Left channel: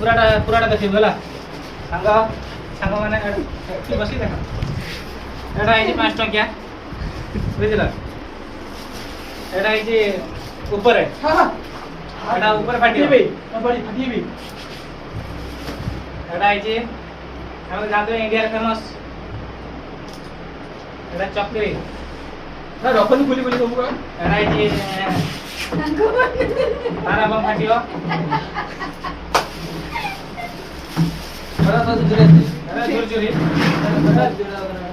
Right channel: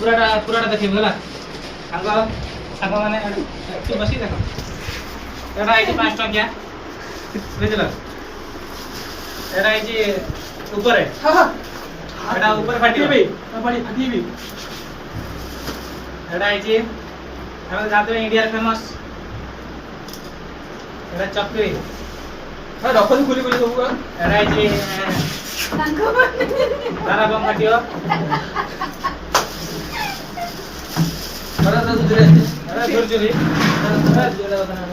ପୁରାଟା ଦେଖିବୁ ହେଲା ସାଙ୍ଗମାନେ ତୁ ବସି ଦେଖ ଏଇଟା ହେଇଛି 5 ଟଙ୍କିଆ ବୁଝିଲ ଏଇଟା ହେଇଛି ଉପରେ ଏଇଟା ଉପରେ ଫାଟିବି ଏଇଟା ହେଇଛି ଆମେ ଜାଣିଥିବେ ଇଣ୍ଡିଆର ଫେମସ୍ ଏଇଟା ଚକ୍ରୀ ରଖନି ଖୋଲି ଖୋଲି ସବୁ ଏଇଟା ହେଇଛି ତାରା ବମ୍ ଫାଟିବ ଝୁରଝୁରି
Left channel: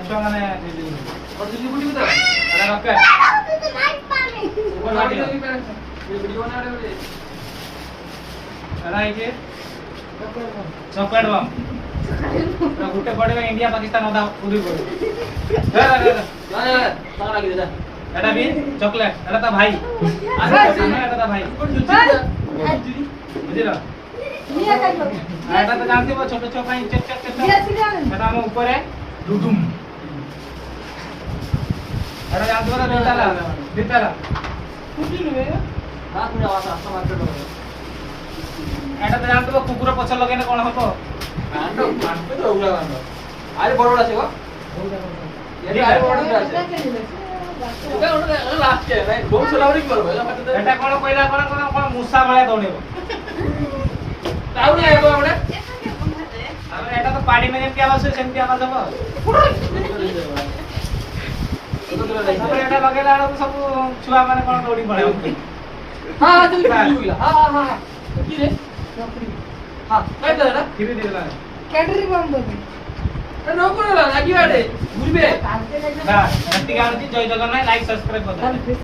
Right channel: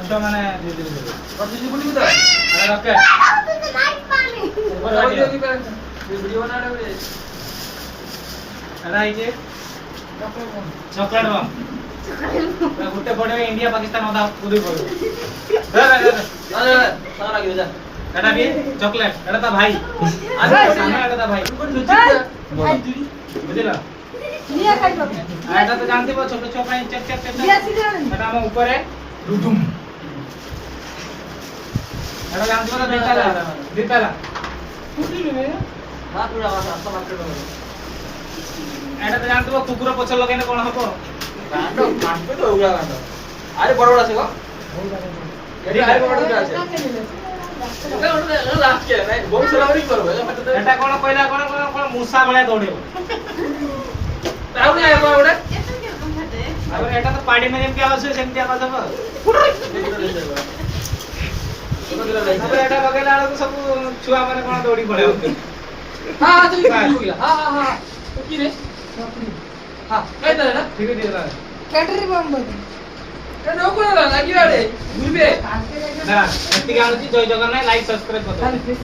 ଛୁଆମାନେ ରକେଟ ହେଇଛି ଚକଲେଟ ବମ୍ ଗୋଟେ ପଡେ ଇଣ୍ଡିଆ ପାକିସ୍ତାନ ଅଧା ଉଡି ପଡେ ଏଟା ବି ଚକଲେଟ ଏଟା ତା ଭାଇ ଏଟା ତା ଭାଇ ବୁଝିଲ ଏଟା ତ ଜାଣିଥିବ ଛୋଟ ଛୁଆ ପାଇଁ ଚେକ୍ ଚେକ୍ ଚେକ୍ ଏଟା ଆମ ଉପରେ ଡୁଡୁମ୍ ଏଟା ଜାଣିଥିବ ନା ଦିତାଲା ଏଟା ତ ଜାଣିଥିବ କୁକୁର ପଛ ଲଗେଇଲେ କଣ ହବ আরে বড় বড় আছে গো এডি আরে বড় বড় আছে এটা ওটা লাস্ট কে ভাই বহু সলাউরি করব এটা কোন কইলা কোন কোন কোন মুসা ভଳିଆ দৌড়েব তাও না এবা ওটা আরে এটা তো পাড়ি মে যেমতি আওয়াজ হয় সেমতি আওয়াজ হবে তারপরে এটা লগাইলা তো সব ছুয়া মানে কোন দৌড়ি পড়ে হ্যাঁ হ্যাঁ তুই বুঝলা হ্যাঁ হ্যাঁ হ্যাঁ কি রে হ্যাঁ কই দে না ধীরে ধীরে লাগে ক্যাটারি বম বলে এটা নও করে লাগি আরে ঘুরবে হ্যাঁ এতিকে আনুছি জয় জগন্নাথ লাইক সাবস্ক্রাইব করতে